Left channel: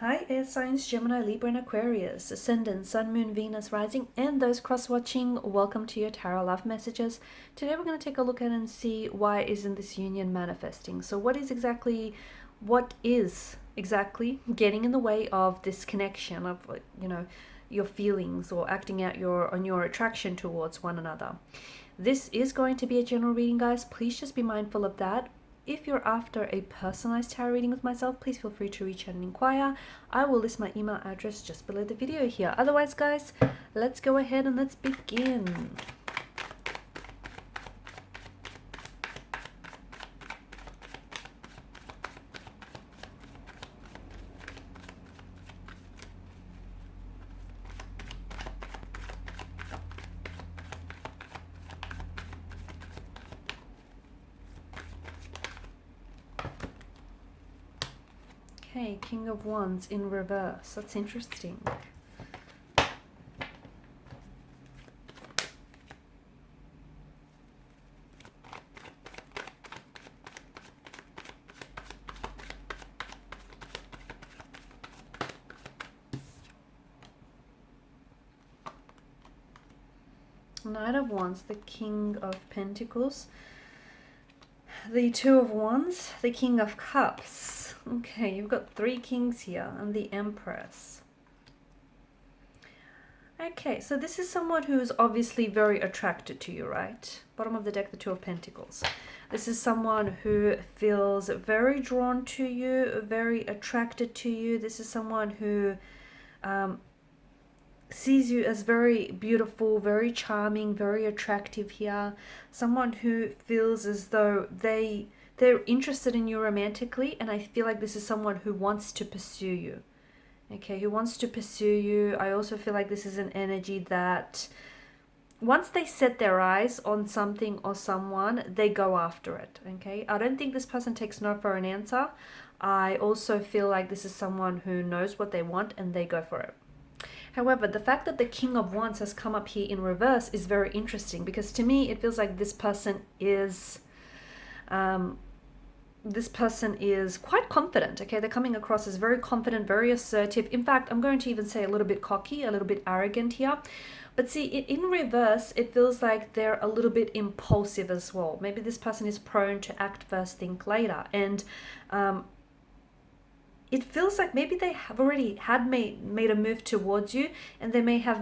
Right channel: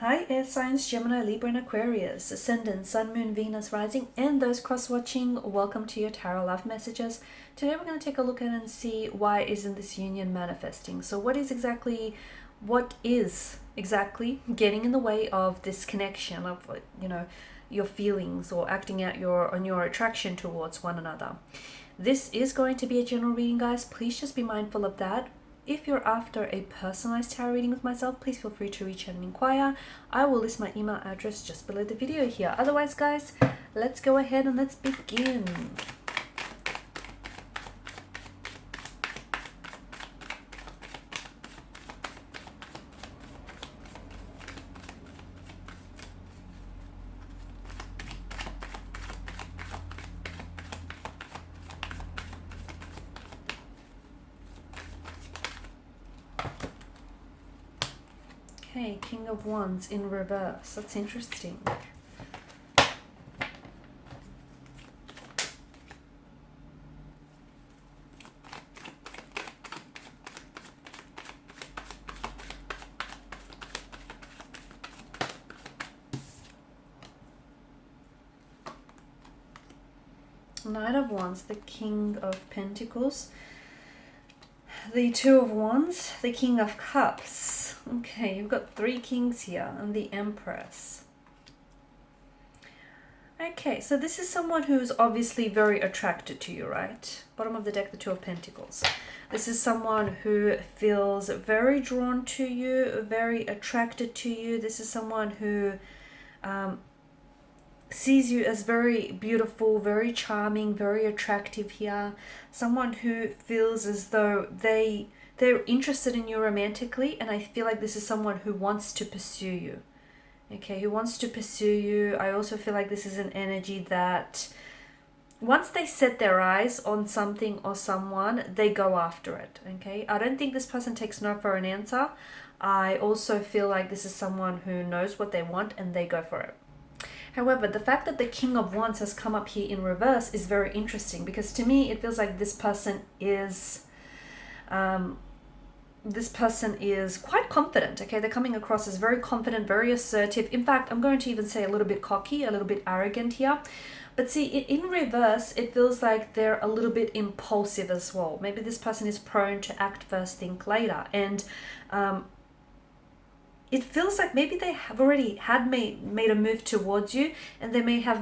Hi, air signs Gemini, Libra, and Aquarius, Ascendant, Sun, Moon, Venus, Rising, and those cross-watching. Welcome to your Tarot Love Messages. Today we're going to take a look at and see why isn't this union manifesting. So what is exactly getting in the way of this connection of, your feelings or acting out on your attraction towards one another? This is going to be a general reading, guys. Please just be mindful of that. If you're after a personalized tarot reading with myself, please feel free to reach out and inquire. I will list my email address just below the video here. Otherwise, guys, let's go ahead and let's begin. Okay, King of Wands in reverse. That's interesting. Knight of Wands, the King of Pentacles, the Two of Wands, the King of Cups. Okay, you've got three kings here and the Empress. Okay, so this is someone who's obviously very attracted to you, right? Bottom of the deck, the Two of Pentacles. This is someone who feels very drawn to you, very attracted to you. This is someone who sees you as very beautiful, very charming, very attractive here. Someone who feels as though they're interested in you romantically, and I feel like this is someone who wants to pursue you. Okay, who wants to pursue you. I also feel like this is an energy that once they set their eyes on something or someone, they go after it. Okay, I don't think this person takes no for an answer. I also feel like this is someone who knows what they want and they go for it. However, the fact that the King of Wands has come up here in reverse is very interesting, because to me it feels like this person is quite confident. Okay, they're coming across as very confident, very assertive. In fact, I'm going to even say a little bit cocky, a little bit arrogant here. But see, in reverse, it feels like they're a little bit impulsive as well. Maybe this person is prone to act first, think later. And it feels like maybe they have already made a move towards you, and they may have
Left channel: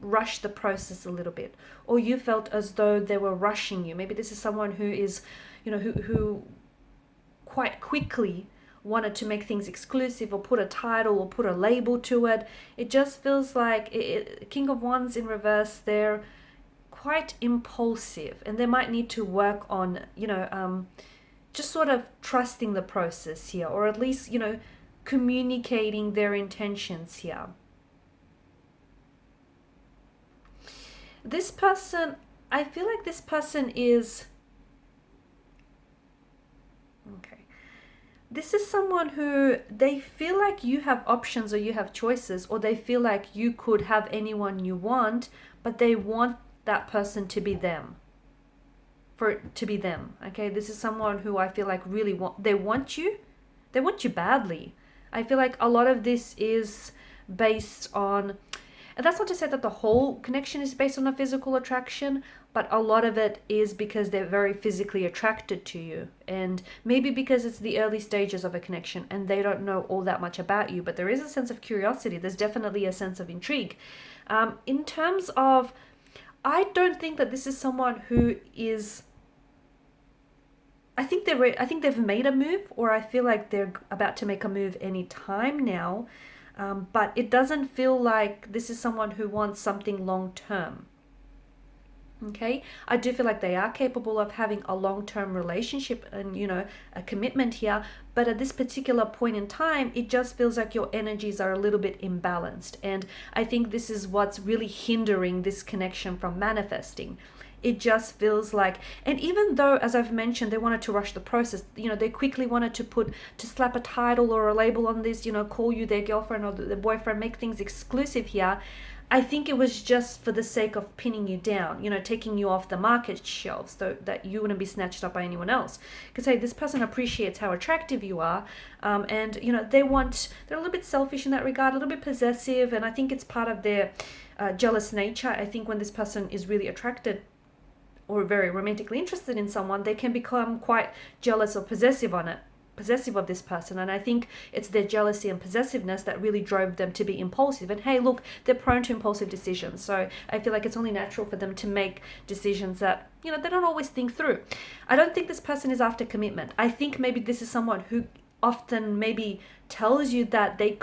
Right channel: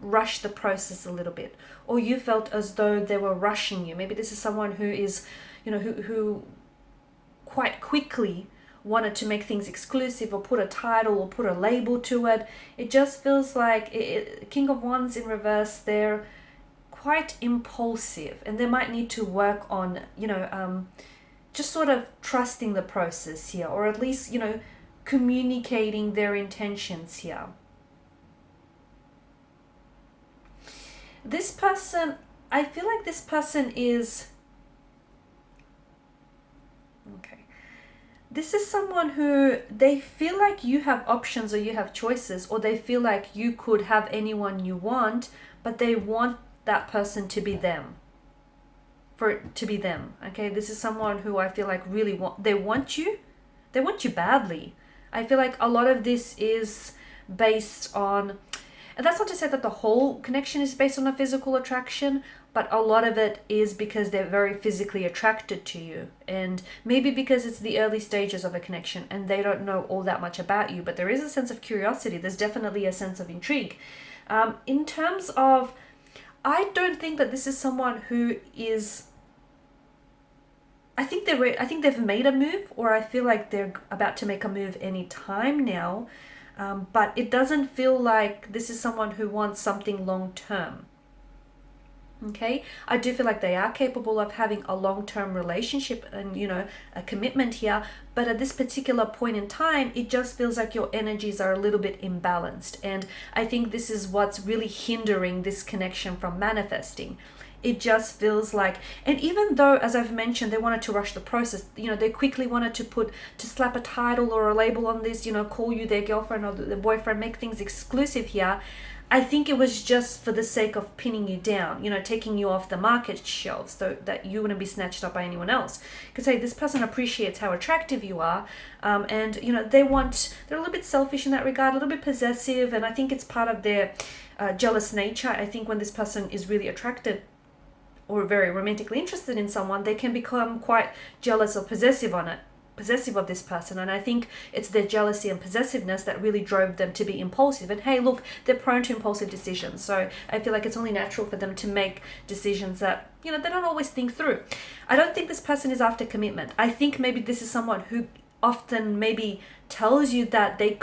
rushed the process a little bit. Or you felt as though they were rushing you. Maybe this is someone who is, who quite quickly wanted to make things exclusive or put a title or put a label to it. It just feels like King of Wands in reverse, they're quite impulsive, and they might need to work on, just sort of trusting the process here, or at least, communicating their intentions here. This person, I feel like this person is... Okay. This is someone who they feel like you have options or you have choices, or they feel like you could have anyone you want, but they want that person to be them. For it to be them. Okay, this is someone who I feel like really they want you badly. I feel like a lot of this is based on, and that's not to say that the whole connection is based on a physical attraction, but a lot of it is because they're very physically attracted to you, and maybe because it's the early stages of a connection and they don't know all that much about you, but there is a sense of curiosity. There's definitely a sense of intrigue. In terms of, I don't think that this is someone who is... I think they've made a move, or I feel like they're about to make a move any time now. But it doesn't feel like this is someone who wants something long term. Okay, I do feel like they are capable of having a long-term relationship and, a commitment here. But at this particular point in time, it just feels like your energies are a little bit imbalanced. And I think this is what's really hindering this connection from manifesting. It just feels like, and even though, as I've mentioned, they wanted to rush the process, they quickly wanted to slap a title or a label on this, call you their girlfriend or their boyfriend, make things exclusive here. I think it was just for the sake of pinning you down, taking you off the market shelves so that you wouldn't be snatched up by anyone else. Because, hey, this person appreciates how attractive you are, and, they're a little bit selfish in that regard, a little bit possessive, and I think it's part of their jealous nature. I think when this person is really attracted or very romantically interested in someone, they can become quite jealous or possessive of this person, and I think it's their jealousy and possessiveness that really drove them to be impulsive. And hey, look, they're prone to impulsive decisions, so I feel like it's only natural for them to make decisions that they don't always think through. I don't think this person is after commitment. I think maybe this is someone who often maybe tells you that they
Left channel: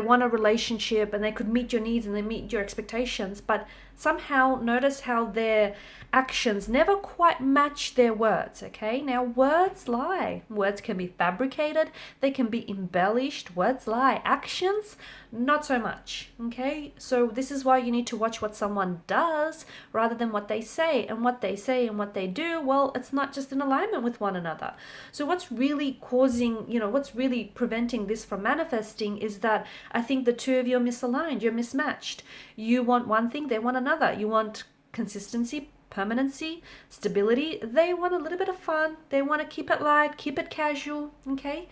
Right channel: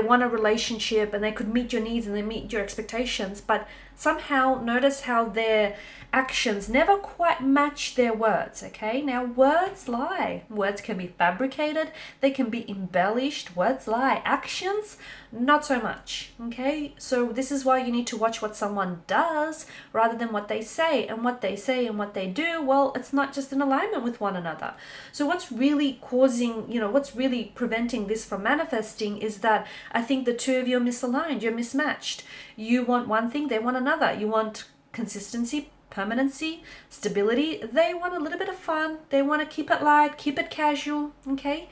want a relationship and they could meet your needs and they meet your expectations, but somehow notice how their actions never quite match their words. Okay, now words lie. Words can be fabricated, they can be embellished. Words lie. Actions, not so much. Okay, so this is why you need to watch what someone does rather than what they say. And what they say and what they do, well, it's not just in alignment with one another. So what's really what's really preventing this from manifesting is that I think the two of you are misaligned, you're mismatched. You want one thing, they want another. You want consistency, permanency, stability. They want a little bit of fun. They want to keep it light, keep it casual. Okay.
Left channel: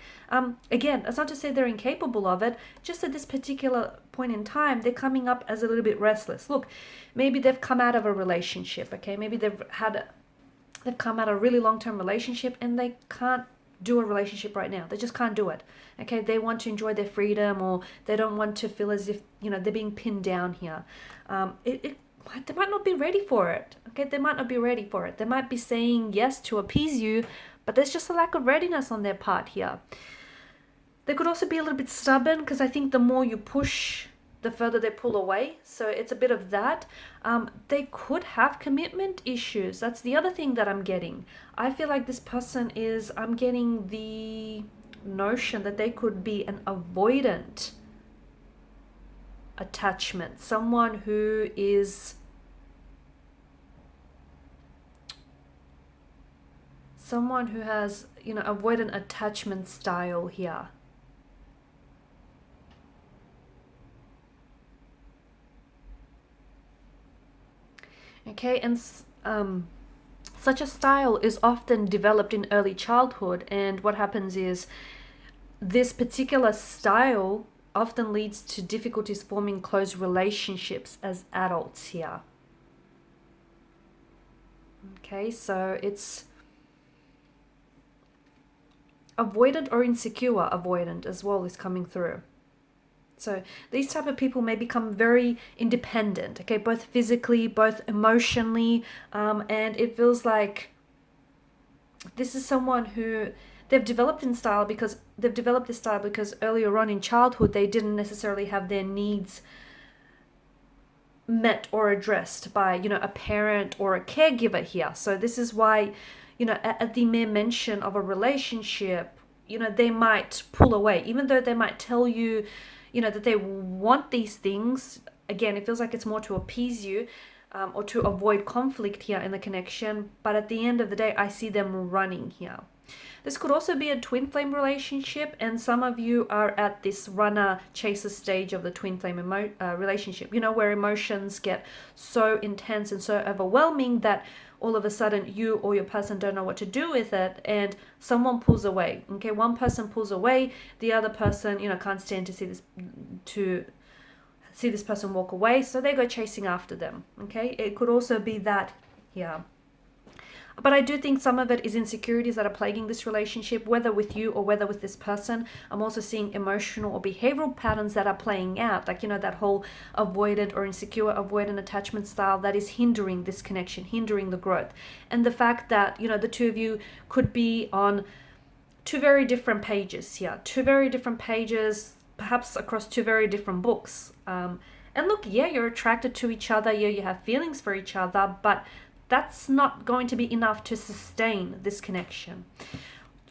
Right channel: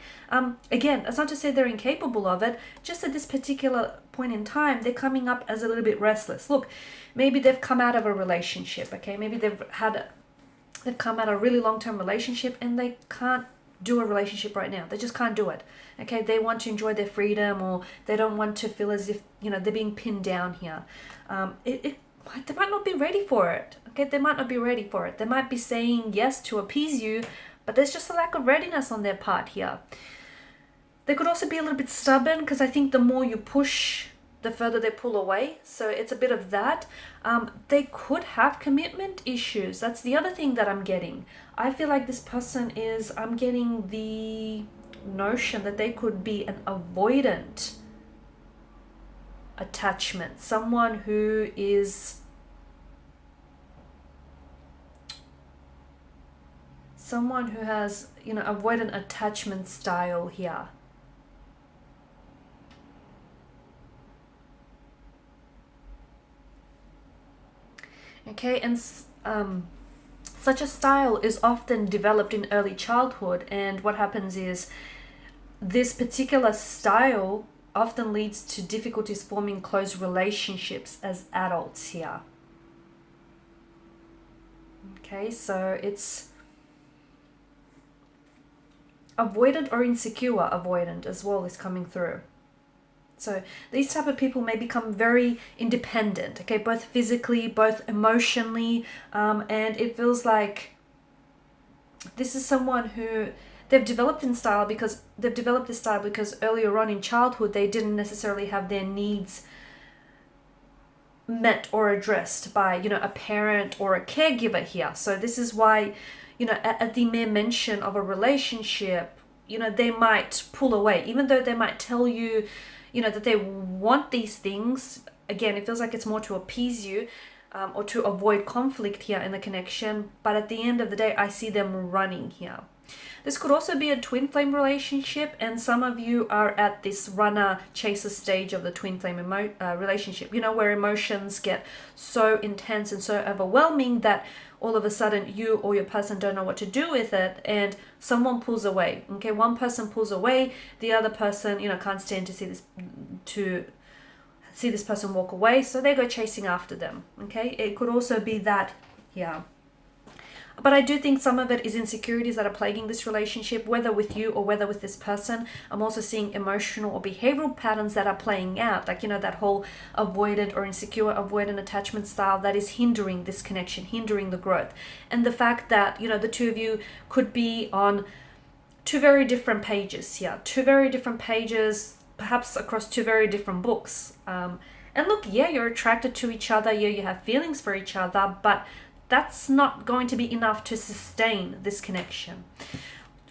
Again, it's not to say they're incapable of it. Just at this particular point in time, they're coming up as a little bit restless. Look, maybe they've come out of a relationship. Okay, maybe they've come out of a really long-term relationship and they can't do a relationship right now. They just can't do it. Okay, they want to enjoy their freedom, or they don't want to feel as if they're being pinned down here. They might not be ready for it. Okay, they might not be ready for it. They might be saying yes to appease you, but there's just a lack of readiness on their part here. They could also be a little bit stubborn, because I think the more you push, the further they pull away. So it's a bit of that. They could have commitment issues. That's the other thing that I'm getting. I feel like this person I'm getting the notion that they could be an avoidant attachment. Someone who is has avoidant attachment style here. Okay, and such a style is often developed in early childhood, and what happens is this particular style often leads to difficulties forming close relationships as adults here. Okay, so it's avoidant or insecure avoidant as well is coming through. So these type of people may become very independent, okay, both physically, both emotionally, and it feels like this is someone who they've developed this style because earlier on in childhood they didn't necessarily have their needs met or addressed by a parent or a caregiver here. So this is why at the mere mention of a relationship, they might pull away, even though they might tell you that they want these things. Again, it feels like it's more to appease you, or to avoid conflict here in the connection. But at the end of the day, I see them running here. This could also be a twin flame relationship, and some of you are at this runner-chaser stage of the twin flame relationship, where emotions get so intense and so overwhelming that all of a sudden you or your person don't know what to do with it, and someone pulls away. Okay, one person pulls away, the other person, can't stand to see this person walk away, so they go chasing after them. Okay, it could also be that, yeah. But I do think some of it is insecurities that are plaguing this relationship, whether with you or whether with this person. I'm also seeing emotional or behavioral patterns that are playing out, like, that whole avoidant or insecure avoidant attachment style that is hindering this connection, hindering the growth. And the fact that, the two of you could be on two very different pages here, perhaps across two very different books. And look, yeah, you're attracted to each other, yeah, you have feelings for each other, but that's not going to be enough to sustain this connection.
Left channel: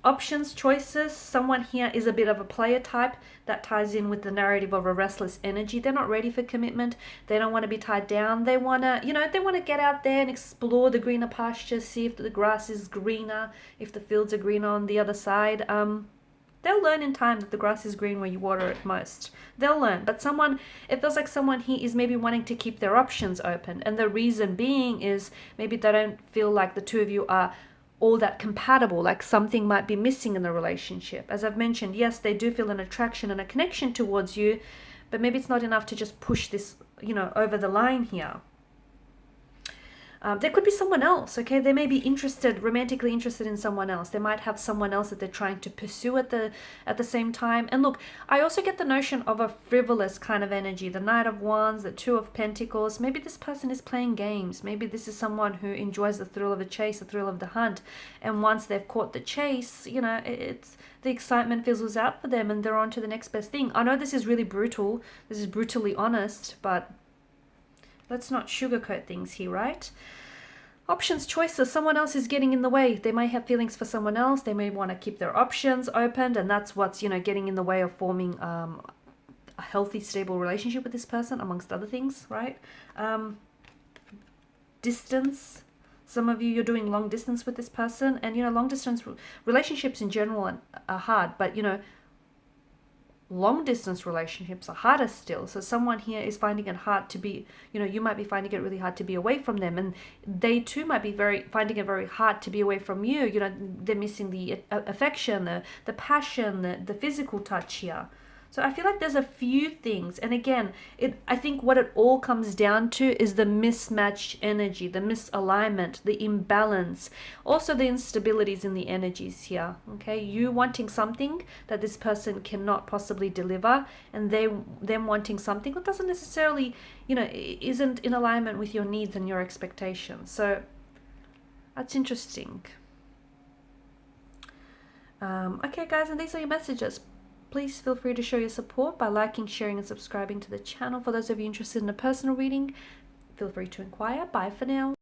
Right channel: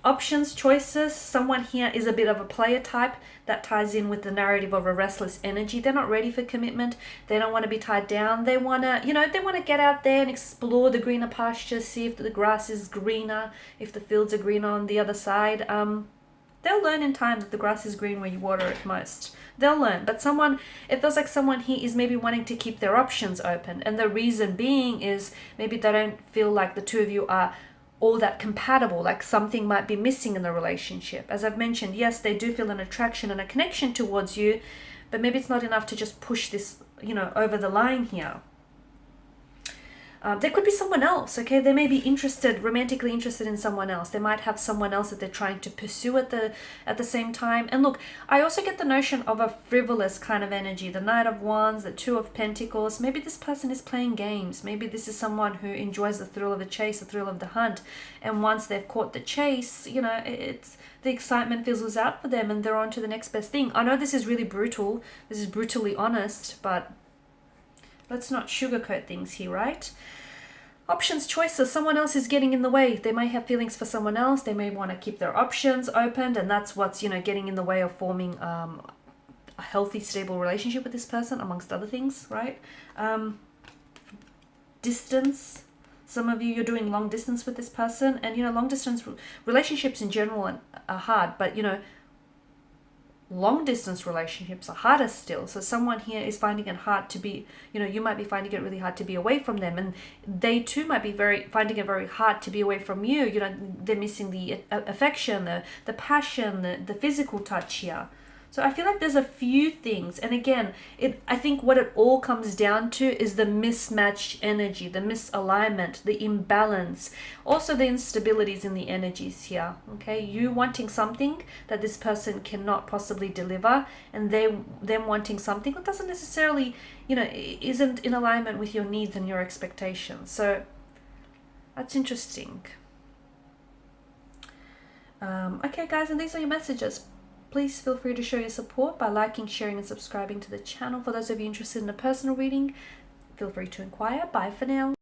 Options, choices, someone here is a bit of a player type. That ties in with the narrative of a restless energy. They're not ready for commitment. They don't want to be tied down. They want to get out there and explore the greener pastures, see if the grass is greener, if the fields are greener on the other side. They'll learn in time that the grass is green where you water it most. They'll learn. But it feels like someone here is maybe wanting to keep their options open. And the reason being is maybe they don't feel like the two of you are all that compatible, like something might be missing in the relationship. As I've mentioned, yes, they do feel an attraction and a connection towards you, but maybe it's not enough to just push this, over the line here. There could be someone else, okay? They may be romantically interested in someone else. They might have someone else that they're trying to pursue at the same time. And look, I also get the notion of a frivolous kind of energy. The Knight of Wands, the Two of Pentacles. Maybe this person is playing games. Maybe this is someone who enjoys the thrill of the chase, the thrill of the hunt. And once they've caught the chase, it's the excitement fizzles out for them and they're on to the next best thing. I know this is really brutal. This is brutally honest, but let's not sugarcoat things here, right? Options, choices. Someone else is getting in the way. They may have feelings for someone else. They may want to keep their options open, and that's what's, getting in the way of forming a healthy, stable relationship with this person, amongst other things, right? Distance. Some of you're doing long distance with this person, and, long distance relationships in general are hard, but, long distance relationships are harder still. So someone here is finding it hard to be, you might be finding it really hard to be away from them, and they too might be finding it very hard to be away from you. They're missing the affection, the passion, the physical touch here. So I feel like there's a few things, and again, I think what it all comes down to is the mismatched energy, the misalignment, the imbalance, also the instabilities in the energies here. Okay, you wanting something that this person cannot possibly deliver, and them wanting something that doesn't necessarily, isn't in alignment with your needs and your expectations. So that's interesting. Okay, guys, and these are your messages. Please feel free to show your support by liking, sharing, and subscribing to the channel. For those of you interested in a personal reading, feel free to inquire. Bye for now.